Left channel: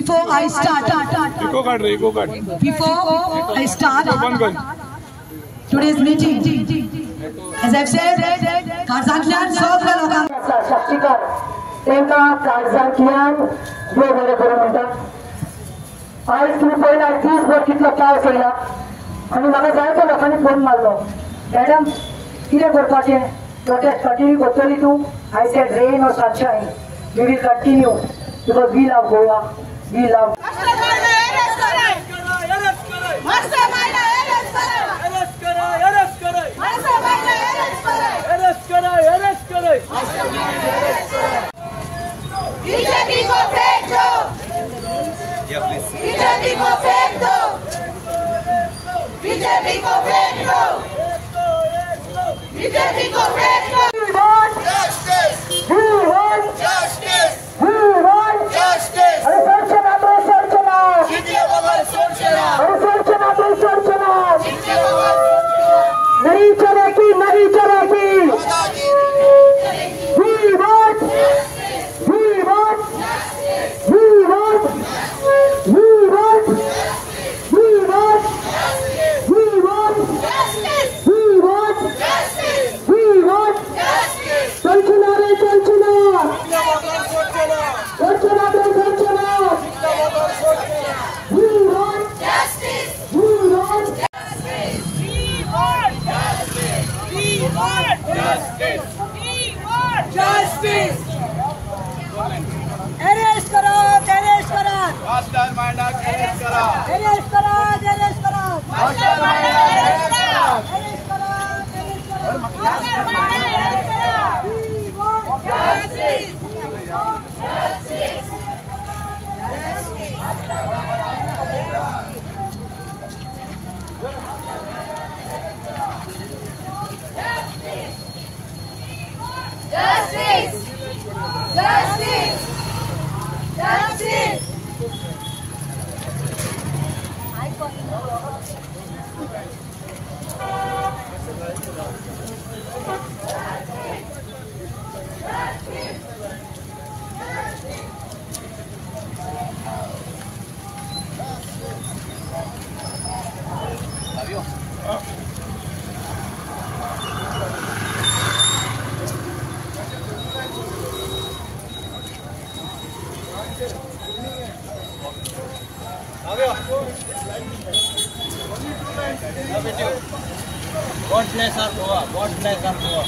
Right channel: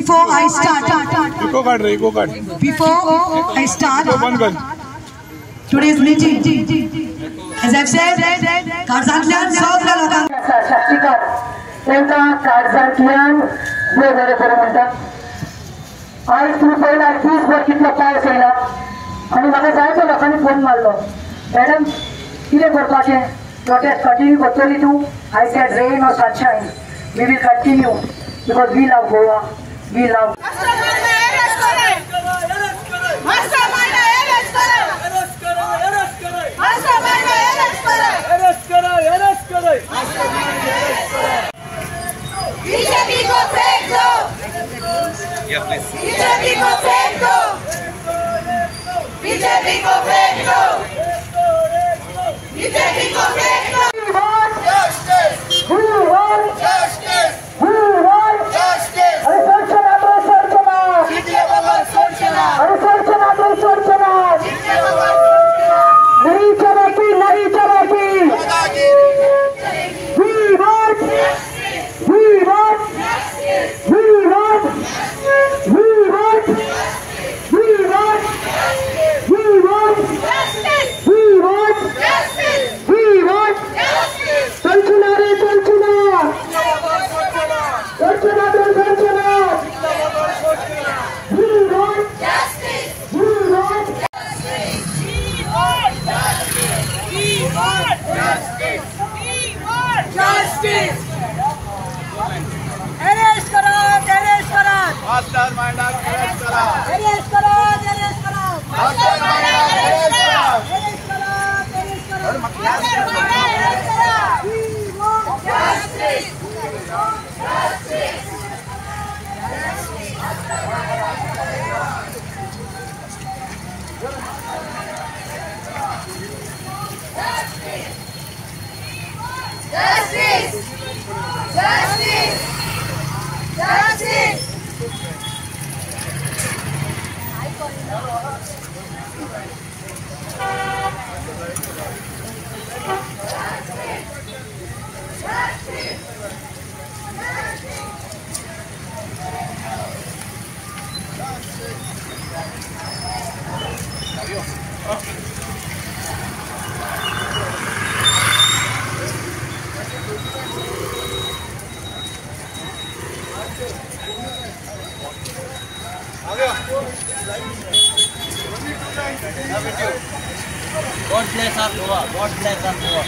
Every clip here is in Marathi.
Before I start, today's meeting, as I've said, Karzantlian सगळ्या लोकांना शास्त्रीकर त्यांचा काळजांतल्यान देव बरें करूं म्हणटात. आयज तुमी पळयला दीसभर कितलो पावस येयला आनी म्हाका जायत्या लोकांनी फोन मारलो, मॅडम कितें करपाचें, प्रोटेस्ट कंटिन्यू करतली तूं? आय सेड रेन और sunshine, we will continue because we love Goa, we love. BJP को फेंक दो, बीजेपी को फेंक दो, बीजेपी को फेंक दो, बीजेपी को फेंक दो. We want justice. We want justice. We want justice. अरे सोचना तो सोचना. कितने बगल सोचना. अरे सोचना तो सोचना. कितने बगल सोचना. नहीं चलेगी, नहीं चलेगी. We want. We want. We want. We want. We want. We want. We want. We want. सोचना रे सोचना. सोचना तो सोचना. We want justice. We want justice. We want justice. We want justice. We want justice. Arrest करो, arrest करो. मास्टर माइंड arrest करो. Arrest करो, arrest करो. मास्टर माइंड arrest करो. Arrest करो, arrest करो. We want justice. Justice. Justice! Justice! Justice! God bless our Goa. God bless our Goa.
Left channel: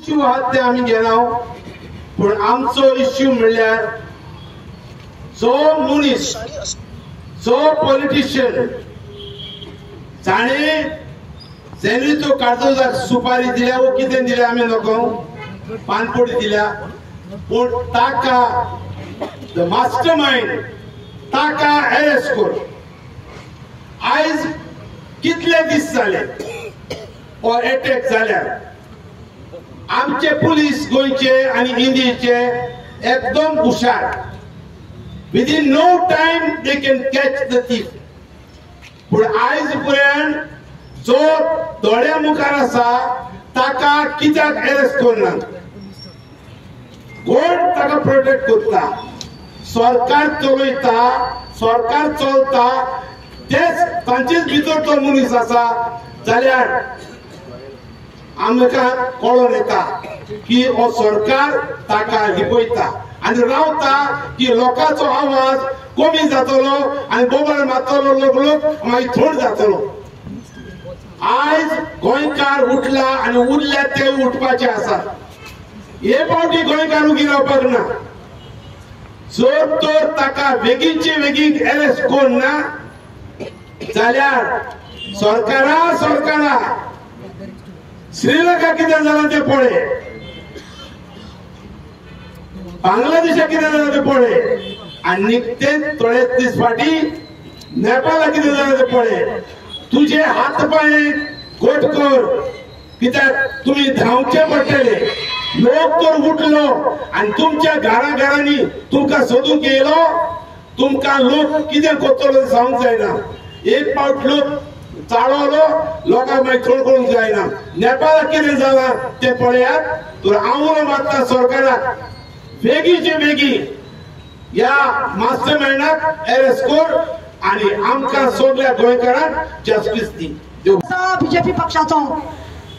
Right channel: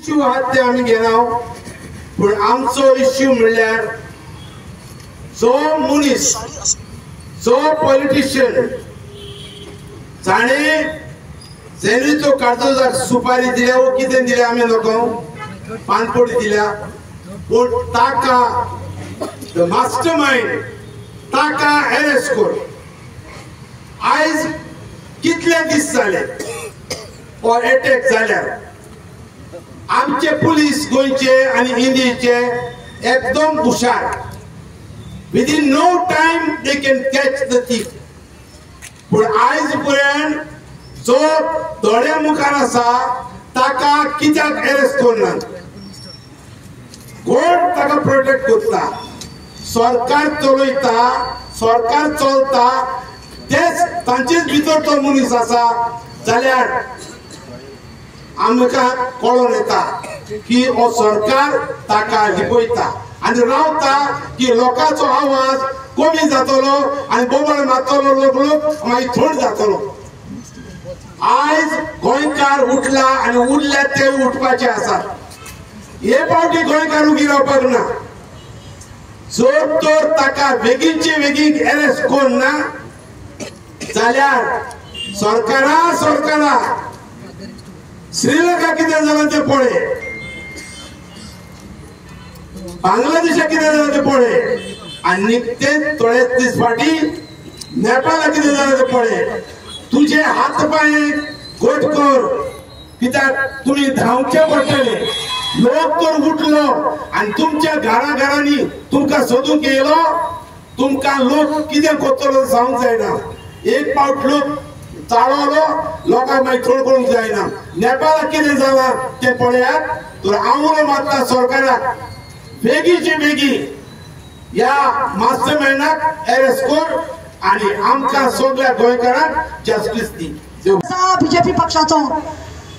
Issue आहात ते आम्ही घेनाव, पण आमचो इश्यू म्हणल्यार जो मनीस, जो पॉलिटिशियन जाणे जेणी तो कागदोजाक सुपारी दिल्या वो कितें दिल्या आमी नको पानपोडी दिल्या, पण ताका द मास्टर माइंड ताका अरेस्ट कर. आयज कितले दीस जाले और अटॅक जाल्यार आमचे पुलीस गोंयचे आणि इंडियेचे एकदम हुशार. Within no time they can catch the thief. पण आयज पर्यंत जो दोड्या मुखार आसा ताका कित्याक अरेस्ट करना? कोण ताका प्रोटेक्ट करता? सरकार चलयता, सरकार चलता, तेच तांचेच भितर तो मनीस आसा जाल्यार आमकां कळोन येता की हो सरकार ताका लिपयता आनी रावता की लोकांचो आवाज कमी जातलो आनी बोबड मारतलो लोक मागीर थोड जातलो. आज गोंयकार उठला आनी उरले ते उठपाचे आसा. हे फावटी गोंयकार उगी रावपाक ना. जर तर ताका बेगीनचे बेगीन अरेस्ट कोण ना जाल्यार सरकारा श्रीलंका कितें जालां तें पळय, बांगलादेशा कितें जालां तें पळय आनी ते थोडे दीस फाटी नेपाळा कितें जालां तें पळय. तुझे हात पाय गोट कर कित्याक तुमी धांवचे पडटले. लोक तर उठलो आनी तुमच्या घरांनी तुमकां सोदूंक येयलो. तुमकां लोक कितें करतलो सांगूंक जायना. एक फावट लोक चाळवलो लोकांक मागीर थोड करूंक जायना. नेपाळाक कितें जालां तें पळयात. तर हांव मागता सरकाराक बेगीचे बेगीन ह्या मास्टरमाइंडाक अरेस्ट कर आनी आमकां सगळ्या गोंयकारांक जस्टीस दी. बीजेपी पक्षाचो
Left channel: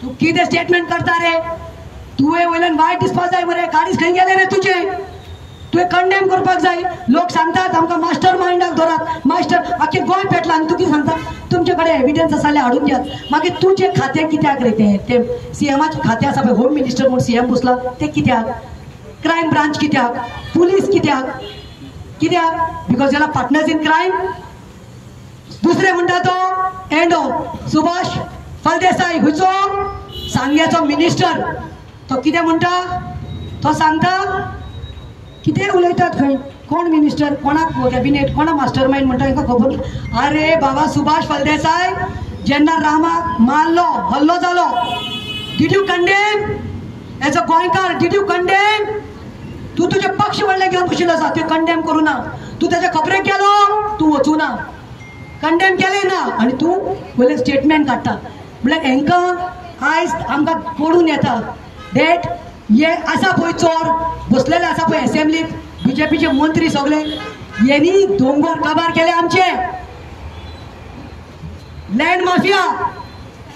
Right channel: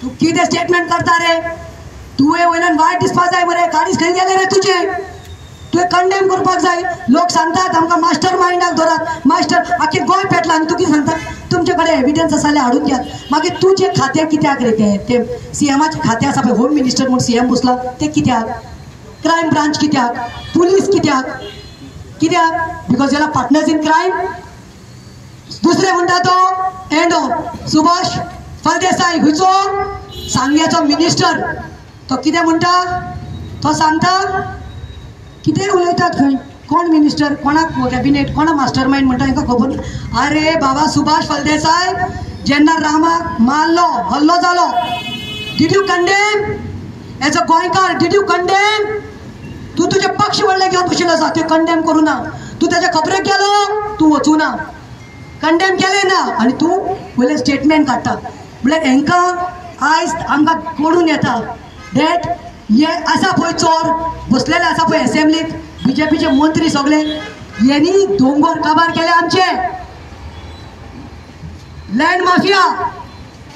तू कितें स्टेटमेंट करता रे? तुवें वयल्यान वायट दिसपाक जाय मरे. गाडीच खंय गेले रे तुजे? तुवें कंडेम करपाक जाय. लोक सांगतात आमकां मास्टर माइंडाक धरात. मास्टर आख्खे गोंय पेटला आनी तूं कितें सांगता? तुमचे कडेन एविडन्स आसा जाल्यार हाडून दियात. मागीर तुजें खातें कित्याक रे? ते सीएमाचें खातें आसा पळय, होम मिनिस्टर म्हूण सीएम बसला तें कित्याक? क्रायम ब्रांच कित्याक? पुलीस कित्याक? Because you're partners in crime. दुसरे म्हणटा तो एंडो सुभाष फळदेसाय हुंयचो सांग्याचो मिनिस्टर. तो कितें म्हणटा? तो सांगता कितें उलयतात खंय? कोण मिनिस्टर, कोणाक कॅबिनेट, कोणा मास्टर माइंड म्हणटा तांकां खबर. अरे बाबा सुभाष फळदेसाय जेन्ना रामाक मारलो, हल्लो जालो, did you condemn as a गोंयकार? Did you condemn? तू तुजे पक्ष व्हडले घेवन बशिल्लो आसा, ते कंडेम करूं ना. तू ताच्या खबरेक गेलो, तू वचूं ना. कंडेम केले ना आनी तूं पयले स्टेटमेंट काडटा. म्हळ्यार हांकां आयज आमकां कळून येता डेट हे आसा पळय चोर बसलेले आसा पळय असेंब्लीक, बीजेपीचे मंत्री सगळे, हेणी दोंगर काबार केले आमचे. लँड माफिया,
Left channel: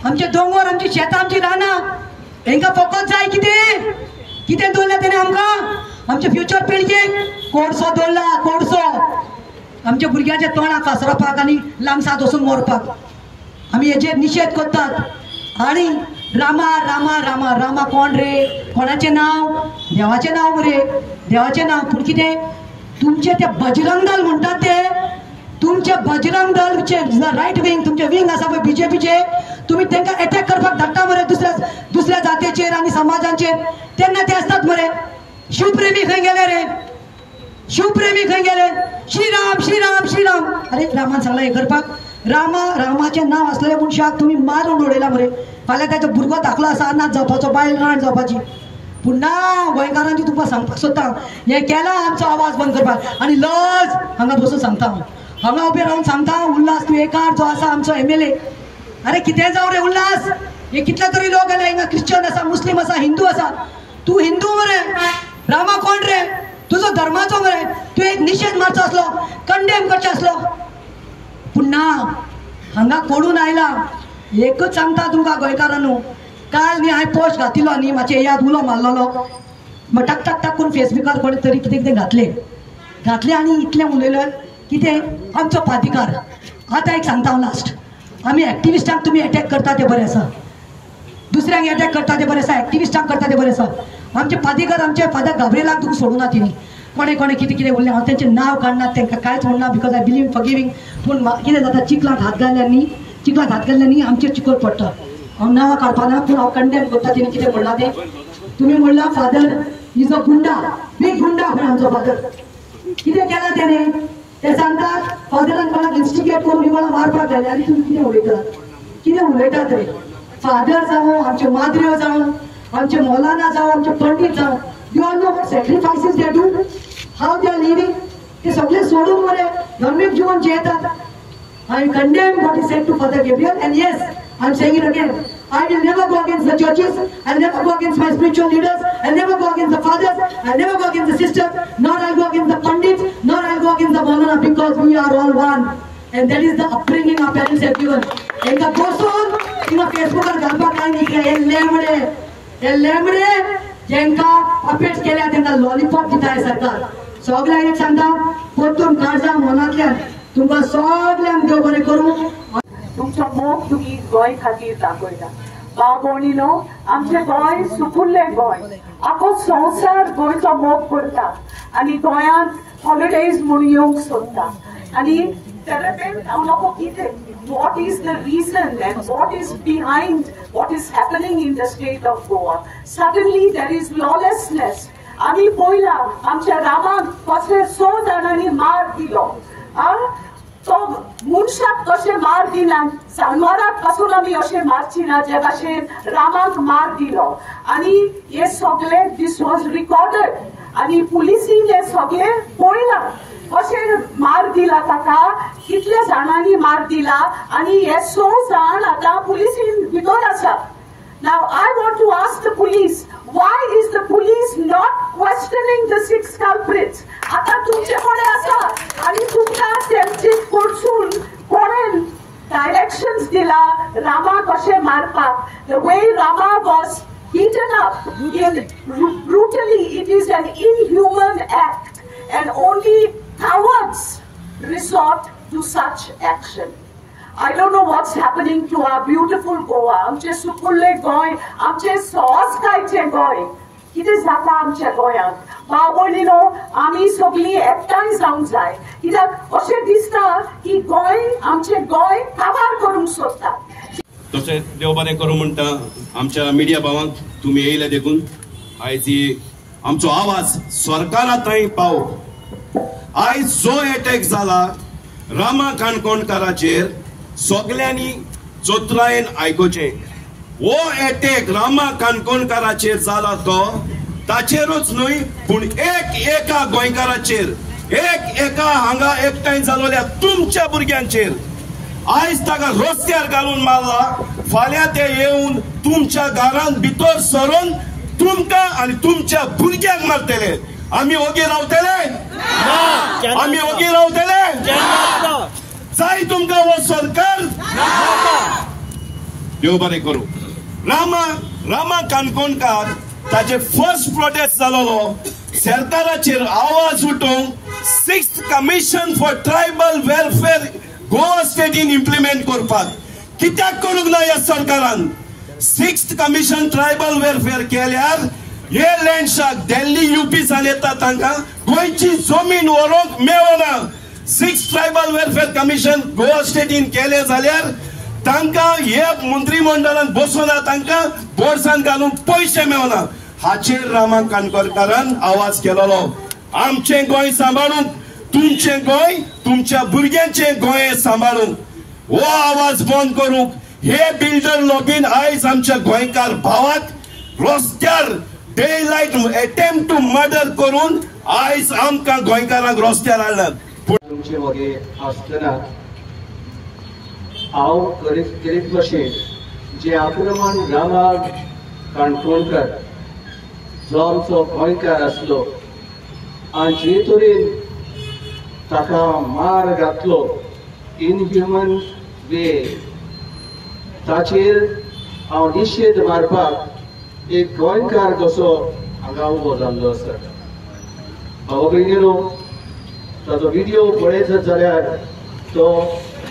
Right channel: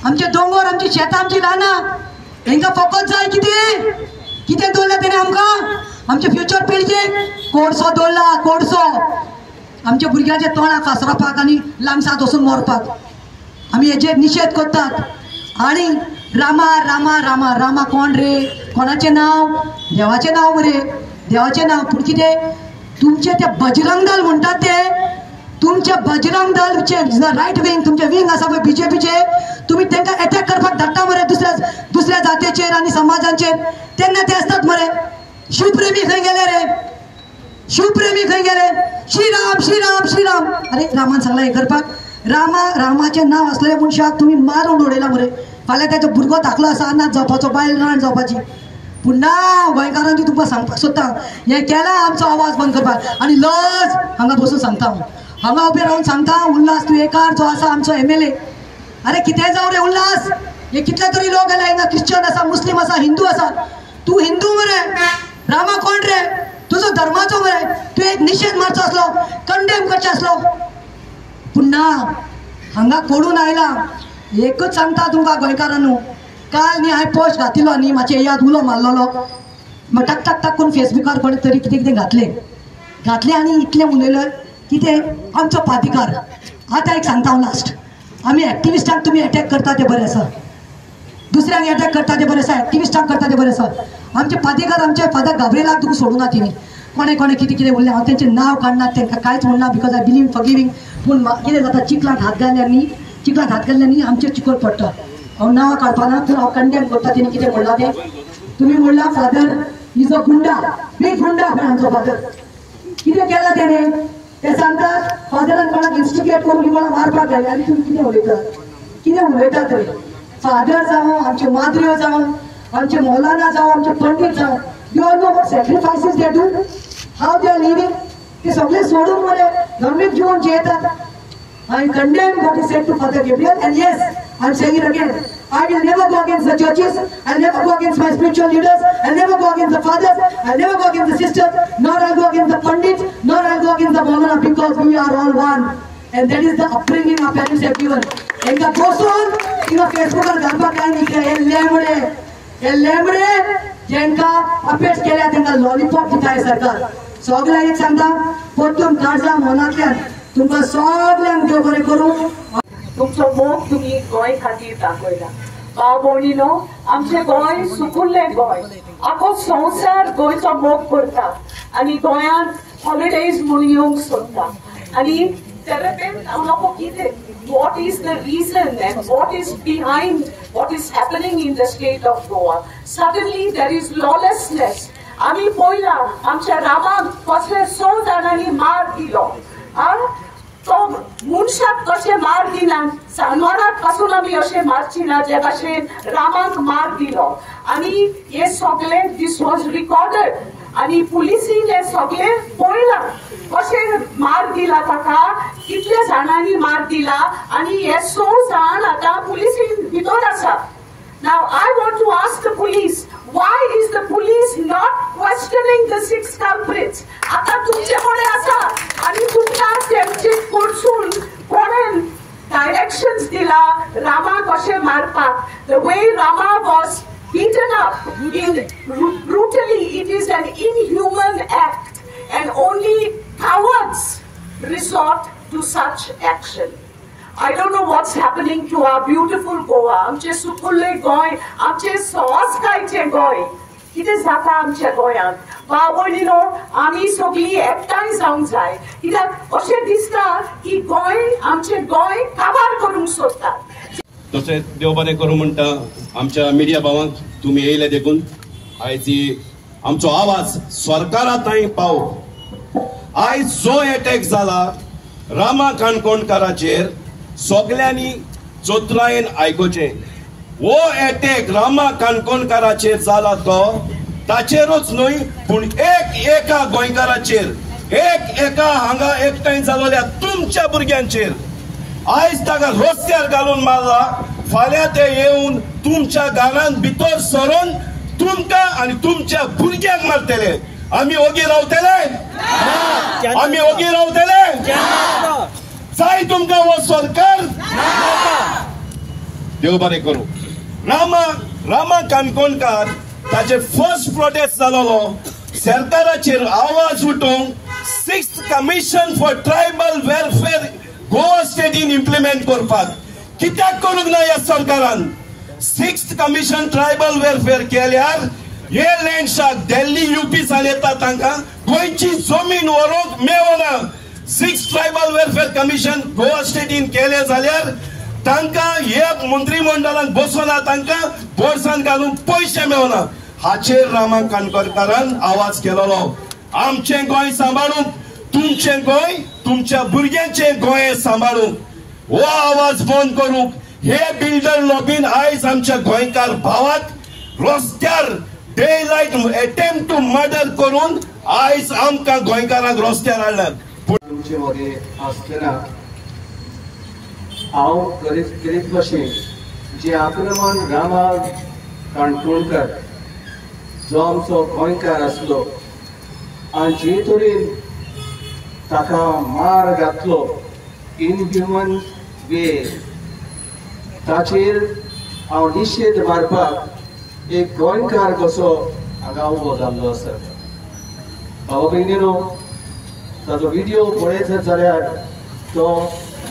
आमचे दोंगर, आमची शेतां, आमची रानां, हांकां फकत जाय कितें? कितें दवरलें तेणें आमकां? आमच्या फ्युचर पिळगेक कोडसो दवरला, कोडसो. आमच्या भुरग्यांच्या तोंडाक कासरपाक आनी लांगसात वचून मरपाक. आमी हेजेर निशेध करतात. आनी रामा रामा रामा रामा कोण रे? कोणाचें नांव? देवाचें नांव मरे, देवाचें नांव. पूण कितें तुमचे ते बजरंग दल म्हणटात ते, तुमचे बजरंग दलचे रायट विंग, तुमचे विंग आसा पळय बीजेपीचे, तुमी तांकां अटॅक करपाक धाडटा मरे दुसऱ्या जातीचेर आनी समाजांचेर. तेन्ना ते आसतात मरे. शिवप्रेमी खंय गेले रे? शिवप्रेमी खंय गेले? श्रीराम श्रीराम श्रीराम. अरे रामान सांगला हे करपाक? रामाचें नांव आसलेल्या मनशाक तुमी मारून उडयला मरे. फाल्यां ताचो भुरगो धाकलो आसा, अनाथ जावपाचो, बायल नाण जावपाची. पूण ना, गोंयकारांची तुमकां सांगपाक सोदता हें केला आमचो आवाज बंद करपाक. आनी लज हांगा बसून सांगता हांगा उबे रावन सांगता उल्हास तुयेकार जो आसा आमचो MLA. अरे कितें जावं रे उल्हास? हे कितले तरी लोक गेले हिंगा, क्रिश्चन आसा, मुस्लीम आसा, हिंदू आसा. तू हिंदू मरे, रामा कोण रे? तुजो धर्माचो मरे. तू एक निशेध मारचो आसलो, कंडेम करचो आसलो. पूण ना, हांगा कोडून आयला. एकूच सांगता तुमकां गोंयकारांनो, काल न्ही हांवें पोस्ट घातिल्लो न्ही, मातशें याद उलो मारलेलो. टक टक टक करून फेसबुकार कोणी तरी कितें कितें घातलें आनी इतलें उलयलें. कितें आमचो प्राधिकार. आतां एक सांगता हांव लास्ट. आमी एक्टिविस्टांक तुमी अटॅक करता ते बरें आसा, दुसऱ्यांक अटॅक करता ते बरें आसा, एक्टिविस्टांक करता ते बरें आसा. आमचे प्राधिकार, आमचे फादर गाब्रिएलाक तुका सोडूना तिणी. कोणें कितें कितें उरलें हांव तेंचें नांव काडना, तांकां कांयच म्हणना, बिकॉज आय बिलीव फॉरगिवींग. पूण कितें जाता, चिखलाक हात घातले न्ही आमचेर चिकट पडटा. हांव नांवां काडपाना, पूण हांव कंडेम करता तेणी कितें म्हणलां तें. तुमी म्हणलां फादर इज अ गुंडा, बीग गुंडा पण आमचो फादर. कितें केलां तेणें ते सांगतात. फादरान कोणाक इन्स्टिगेट करून कोणाक मारपाक गेले आनी तुमी कितें उलयतात रे? फादर जावं, आमचे माद्र्यो जावं, आमचे मौलाना जावं, आमचे पंडीत जावं, you all know what sacrifices they do, how they are living. ते सगळे सोडून मरे धार्मीक जीवन जियेतात. I condemn what is said to Father Gabriel, and yes, I am saying it again. I will never go against the churches. I'll never go against my spiritual leaders. I'll never go against the fathers. I'll never go against the sisters. Nor I'll go against the pandits. Nor I'll go against the Maulana, because we are all one. And that is the upbringing our parents have given. And the person तिंगा फेसबुकार घालपाक काय निघले हे लेमडे जेंका अपेट केल्या तेंका लॉलीपॉप दिताय सरकार सगळ्यांक एक सांगता परतून काळजा मनांतल्यान तुमकां सगळ्यांक देव बरें करूं तुमचो मोग तुम्ही गोंय खातीर दाखयला भाव भयणीनो आमचे गोंय सुकुल्ले गोंय आखो संवसार गोंयचो मोग करता आनी गोंयांत हॉलिडेज म्हणून येवंक सोदता आनी हांव लोक कितें what is the reason and what is behind what is happening in the state of Goa. Suddenly there is lawlessness. आम्ही पळयला आमच्या रामाक कसले 6 जाणांनी मार दिलो तो मनशाक कशें मार दिना जानवराक पासून आमी अशें मारची ना जे भाशेन रामाक मार दिलो आनी हे सगळे दिस वॉज रिकॉर्डेड आनी पुलिसीन हे सगळे पळयला कशें मार दिला ताका कितल्या जाणांनी मार दिला आनी हे 6 जाण आतां पुलिसीन भितर आसा. Now I want to ask the police, why is the police not questioning the 6 culprits? आता तुमचे कोणे आसा आणि तुमका तेंचे कडसून कोणेन डायरेक्शन्स दिला रामा कशे मारपाक. The way Rama was beaten up brutally, it is an inhuman act and only cowards resort to such action. I don't know what's happening to our beautiful Goa. आमचे सुकुल्ले गोंय, आमचे संस्काराचे गोंय. कितें जाता आमच्या गोंयांत भाव भयणीनो आमी सगळीं एकठांय जावंक जाय कित्याक अशें दिसता की गोंय आमचें गोंय काबार करूंक सोदता. तशें देव बरें करूं म्हणटा आमच्या मिडिया भावांक तुमी येयले देखून आयज आमचो आवाज सरकारा थंय पावो. आयज जो अटॅक जाला रामा काणकोणकाराचेर सगळ्यांनी जोत्रायेन आयकुचें. हो अटॅक रामा काणकोणकाराचेर जाला तो ताचेरूच न्हय पूण एका गोंयकाराचेर एका हांगा एकठांय जालोल्या तुमच्या भुरग्यांचेर आयज ताका रस्त्यार घालून मारला. फाल्यां ते येवन तुमच्या घरांत भितर सरून तुमकां आनी तुमच्या भुरग्यांक मारतले. आमी ओगी रावतले आमी ओगी रावतले जाय तुमकां हो सरकार देव बरें करूं. रामा काणकोणकार ताचे फर्स्ट प्रोटेस्ट जालोलो सरकाराचेर आवाज उठोवंक 6th commission for tribal welfare Goa स्टेटीन इम्प्लिमेंट करपाक. कित्याक करूंक ना ह्या सरकारान 6th कमिशन ट्रायबल वेलफेअर केल्यार हे लँडशाक दिल्ली UPसान येता तांकां गोंयची जमीन व्हरोंक मेळना. 6th tribal welfare commission Goa स्टेटीन केले जाल्यार तांकां हे मंत्रिमंडळान बसोना तांकां बोर्सान घालून पयशे मेळना. हाचेर रामा काणकोणकारान आवाज केलोलो. आमचें गोंय सांबाळूंक तुमचें गोंय तुमच्या भुरग्यांचें गोंय सांबाळूंक हो आवाज बंद करूंक हे बिल्डर लॉबीन आयज आमच्या गोंयकार भावाक रस्त्यार daylight attempt to murder करून आयज आमकां गोंयकारांक रस्त्यार हाडल्यात. तुमचे वगे आसतना हांव करीत भशेन जे आक्रमण रामा काणकोणकार जो आमचो गोंयकार आसलो आनी जे तरेन ताका मार घातलो इनह्युमन वे ताचेर हांव निशेध मारपाक एक गोंयकार कसो हांगा उबो जाल्लो आसा. भाव भयणीनो ताचो व्हिडिओ पळयत जाल्यार तो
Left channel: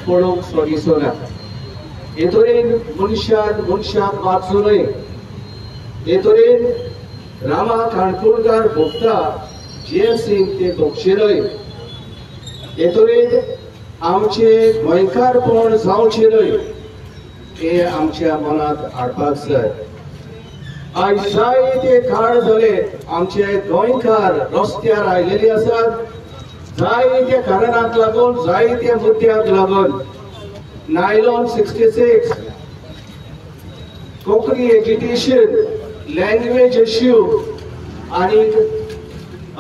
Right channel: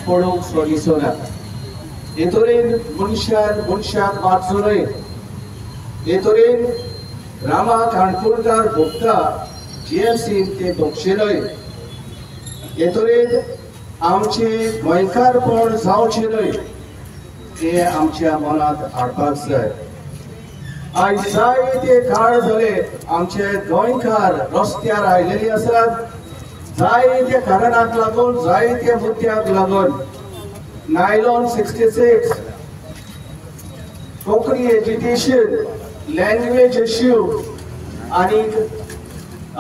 पळोवंक सो दिसना. हे तरेन मनशाक वाचूं न्हय. हे तरेन रामा काणकोणकार भोगता JFCन ते भोगचे न्हय. हे तरेन आमचे गोंयकारपण जावचें न्हय हे आमच्या मनांत हाडपाक जाय. आयज जायते काळ जाले आमचे गोंयकार रस्त्यार आयलेले आसात. जायत्या कारणांक लागून जायत्या मुद्द्यांक लागून nylon 66 Konkani education language issue आनी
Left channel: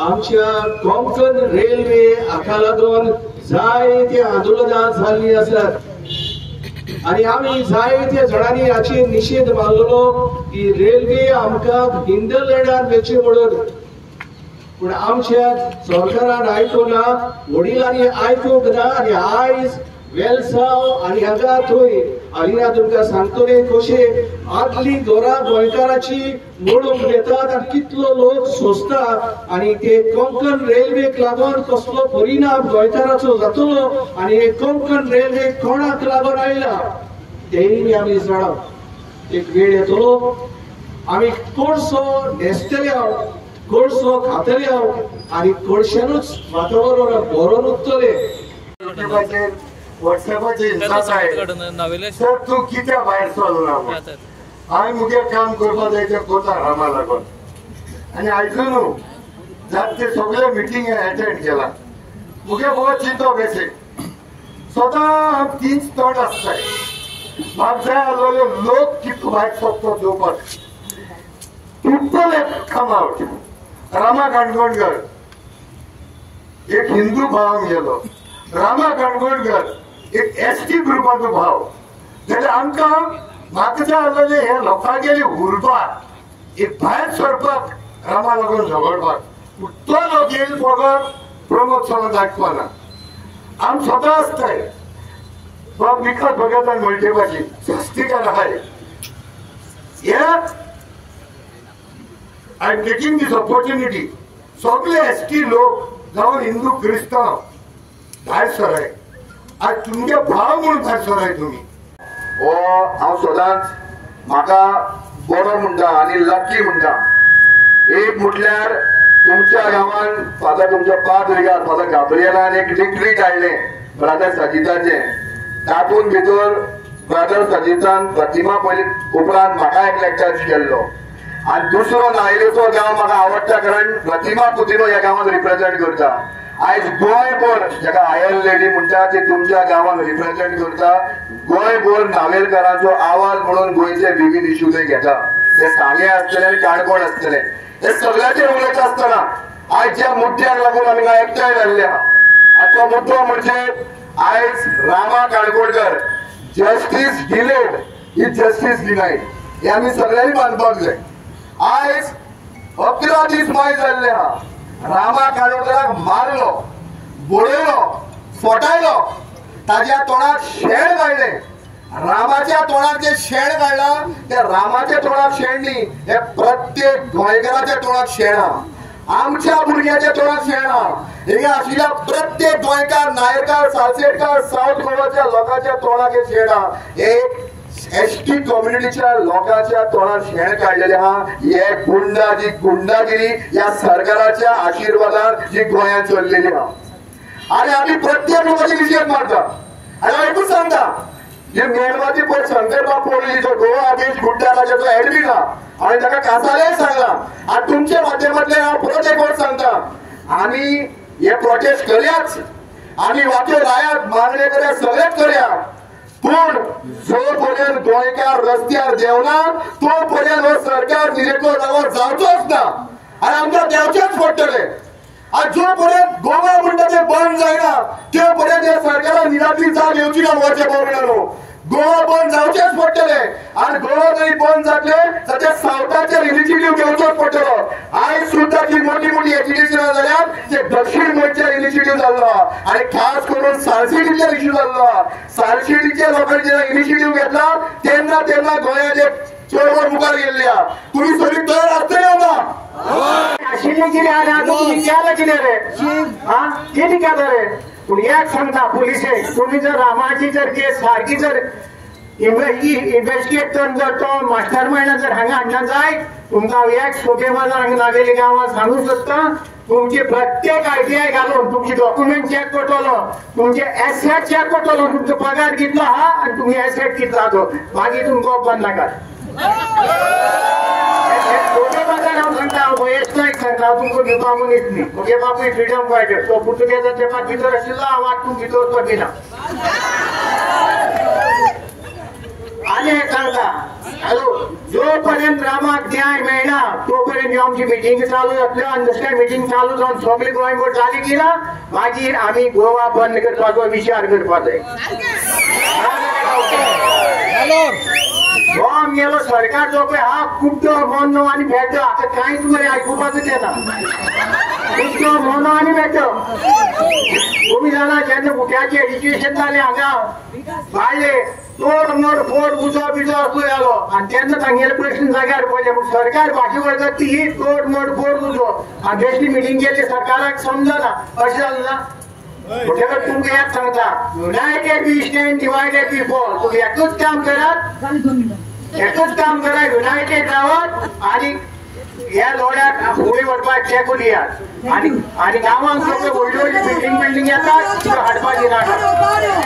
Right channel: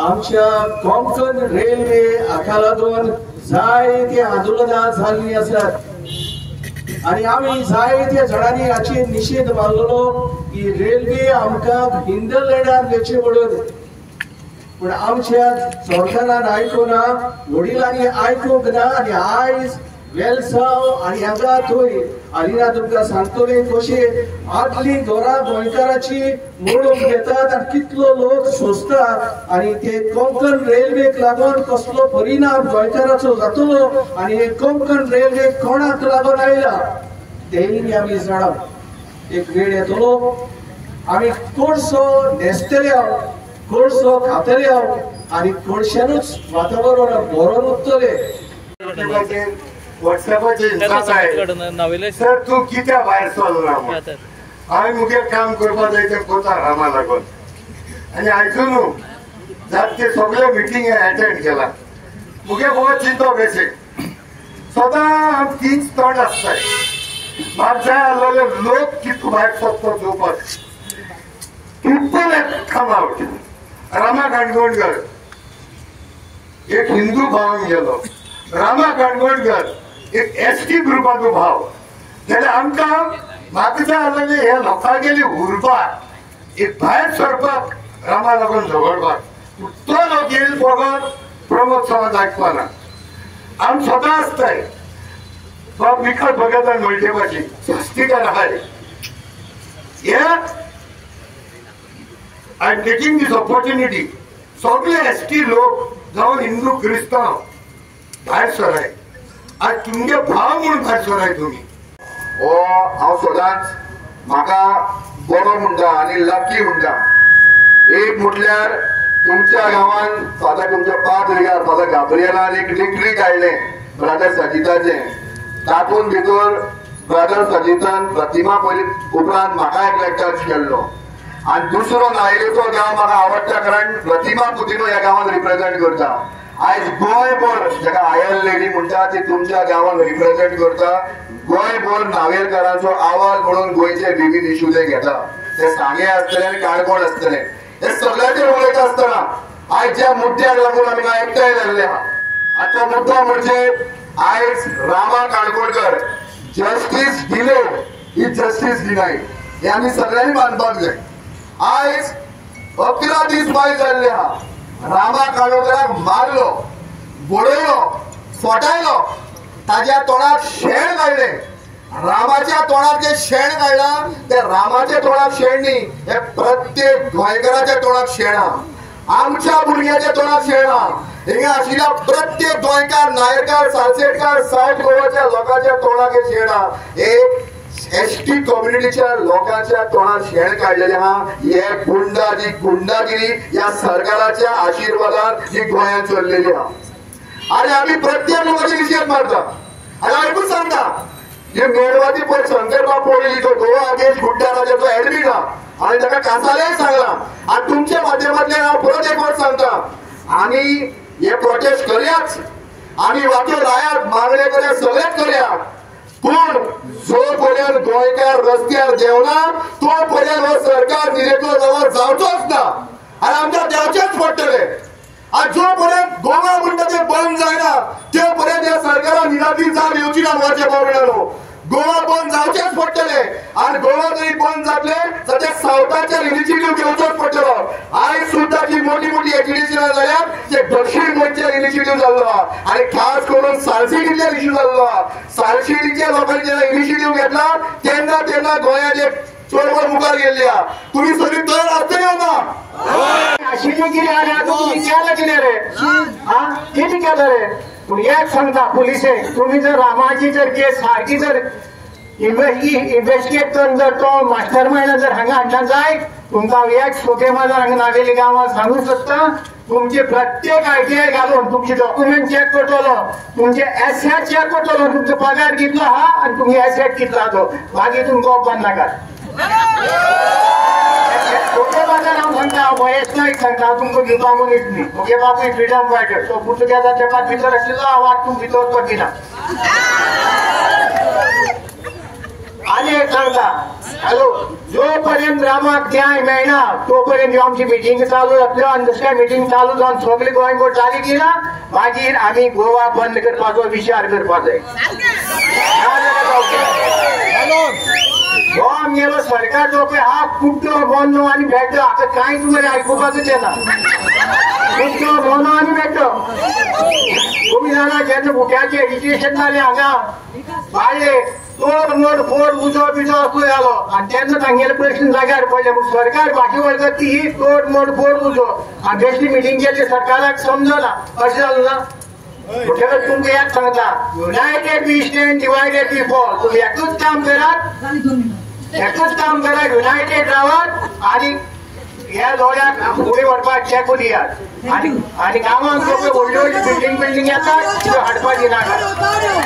आमच्या कोंकण रेल्वे हाका लागून जायते आंदोलनां जाल्लीं आसात आनी आमी जायत्या जाणांनी हाचेर निशेध मारलेलो की रेल्वे आमकां हिंदरलँडार वेचे म्हणून. पूण आमच्या सरकारान आयकुना वडिलांनी आयकूंक ना आनी आयज वेलसाव आणि हांगा थंय आलिना तुमकां सांगतले कशे आदली घरां गोंयकाराची मोडून घेतात आनी कितलो लोक सोंसता आनी ते कोंकण रेल्वेक लागून कसलो परिणाम गोंयकाराचो जातलो आनी हे कोंकण रेल्वे कोणाक लागून आयला तेय आमी जाणा एक वेळ येतलो आमी कोळसो न्हेसतले कोळसो खातले आनी कोळशानूच वातावरण बरोवन उरतले व्हॉट्सएपाचेर इंस्टाच आहे सर तूं कित्या भायर सरलो हांवें मुगे काम करपा जाय तें कोता रामा लागून आनी आयकून जाता ते सगळे मिटींग अटेंड केला मुगे बहुत चिंतो कशें सदां तीच तोंड आसताय म्हाका जाय आसलेले लोक कितको भायर सोदतो चोवपाक people come out Rama Kankonkar एक हिंदू भाव गेलो रामा काणकोणकर एक एसटी ग्रुपाचो भाव जाल्यार आमकां म्हाका जाय आसलेले हे लोकांगेली उरपाक एक भायर सरपाक रामा लागून झगडपाक तो लोक येईल फकत प्रमोद समाज आयकपाना आमी स्वता आसताय बाब विकत भगतान मल्टेपाची स्वस्तिकार आहाय हे I am taking this opportunity सगळे एसटी लोक जावं हिंदू क्रिस्तांव भायर सराय आज तुमगे भाव म्हणून भायर सराय तुम्ही हो हांव सदांच म्हाका बरो म्हणटा आनी लकी म्हणटा एक म्हटल्यार तुमच्या गांवांत फादर तुमच्या पाद्रिगार फादर गाब्रिएलान एक डिक्री काडलें ब्रदर सजिताचें तातूंत भितर ब्रदर सजितान प्रतिमा पयली उपरांत म्हाका एक लेक्चर केल्लो आनी दुसरो नायलेचो गांव म्हाका आवडटा कारण प्रतिमा पुतिनो ह्या गांवांत रिप्रेझेंट करता आयज गोंयभर जाका आयल लेडी म्हणटा ती तुमच्या गांवांत रिप्रेझेंट करता गोंयभर नावेलकारांचो आवाज म्हणून गोंयचे विविध इश्यू ते घेता ते सांगे आसतले आनी काणकोण आसतले हे सगळ्याचे उलयता आसतना आयज ज्या मुद्द्याक लागून आमी एकठांय जाल्ले आहा आनी तो मुद्दो म्हणजे आयज रामा काणकोणकर जस्टीस डिलेड ही जस्टीस डिनायड हे आमी सगळ्यांनी मानपाक जाय आयज 11 दीस माय जाल्ले आहा रामा काणकोणकराक मारलो बडयलो फटायलो ताज्या तोंडाक शेण काडले रामाच्या तोंडार जे शेण काडला ते रामाच्या तोंडाक शेण न्ही हे प्रत्येक गोंयकाराच्या तोंडाक शेण आहा आमच्या भुरग्याच्या तोंडाक शेण आहा हिंगा आशिल्ल्या प्रत्येक गोंयकार नायकार सालसेटकार सावथ गोवाच्या लोकांच्या तोंडाक हे शेण आहा हे एसटी कम्युनिटीच्या लोकांच्या तोंडार शेण काढलेले आहा हे गुंडागिरी या सरकाराच्या आशीर्वादान ही गोंयांत चल्लेली आहा आनी आमी प्रत्येक लोकांची निशेध मारता आनी हांव एकूच सांगता हे मेळवाची पळय शंकरबाब पडलेली तो गोवा अगेन्स्ट गुंडा राजाचो एडमीन आहा आनी ताका कासालेय सांगला आनी तुमच्या माध्यमांतल्यान हांव परत एक फावट सांगता आमी हे प्रोटेस्ट करयाच आमी वाट्यो लायात मागणे करया सगळेच करया पूण जो पर्यंत गोंयकार रस्त्यार देवना तो पर्यंत हो सरकार दिलेको नवो जावचोच ना आनी आमकां देंवचेच पडटले आज जो पर्यंत गोवा म्हणटा ते बंद जायना ते पर्यंत ह्या सरकारान निराती जावन येवची ना गोवाच्या गव्हर्नमेंटानो गोवा बंद जावचेच पडटले आनी गोवा जरी बंद जातले जाल्यार सावथाचेर इनिशिएटीव घेवचोच पडटलो आयज सुद्दां जी मोठी मोठी एक्सिबिशनां जाल्यार ते दक्षिण गोंयचेर इनिशिएटीव जाल्लो आहा आनी खास करून सालसेटीचेर इश्यू जाल्लो आहा सालसेटीच्या लोकांनी जेन्ना इनिशिएटीव घेतला तेन्ना तेन्ना गोंयाचे चळवळ मुखार गेल्ली आहा तुमी सगळी तयार आसतली ना आशिल्ली कितें आनी तुमी केलें कितें रे कितें केलें रे पूण एक सांगता पुलिसेक तुमी जर रामाची जर केस सारकी जर इन्व्हेस्टिगेट करून जर तो मास्टर मायंड जर हांगा हाडना जाय तुमकां एक सोके माजार हांगा नागेली गांवांत सांगूंक सोदता तुमचे प्रत्येक आरटीआय घालून तुमचे डॉक्युमेंट चेक करतलो तुमचे एसेट चेक करतलो तुमचो पगार कितलो आहा आनी तुमी एसेट कितलो आहा तो मागीर तुमकां बंद नाकात सोके माजार हांव सांगता वयस्कर सांगता हांव तुमकां घेवपा मनीस न्ही म्हगे बापूय फ्रिडम फायटर तो पुर्तुगेजाच्या तेंपार भितर आशिल्लो हांव आतां तुमकां भितर पडिना आनी एक सांगता हॅलो जो पर्यंत रामाक न्याय मेळना तो पर्यंत आमची मिटींग चालू जातल्यो आनी जशें मिटींग चालू जावन सगळी गोंयभर जाली की ना मागीर आमी गोवा बंद करपाचो विचार करपाक जाय हो आमगेलो सरकार जो पळय हा कुड्डो मोनो आनी भेटो हाका कांयच मरे आयकुपाकूच येना कुड्डो मोनो आनी भेटो तुम्ही जाणा जेन्ना भुरग्याचें एज्युकेशन जालें हांगा बाये तोड मोड फोड उजो बिजो असो जालो आनी तेन्ना तांगेले प्रश्न जाग्यार पडले पूण सरकार भाजी वळखता ती तोड मोड फोड उजो आनी बेश्टी मिटींग केल्ली सरकाराक समजना अशें जालें ना म्हणटकच तुमकां एक सांगता united we stand divided we fall तुम्ही एकूच काम करात एकूच काम करा युनायटेड रावात आनी ह्या लोड्याक फुडें व्हरपाक चेकून दियात आनी गांवांत सगळ्यो व्हडल्यो व्हडल्यो बिल्डींग येतात त्यो हाडपाक दिनाकात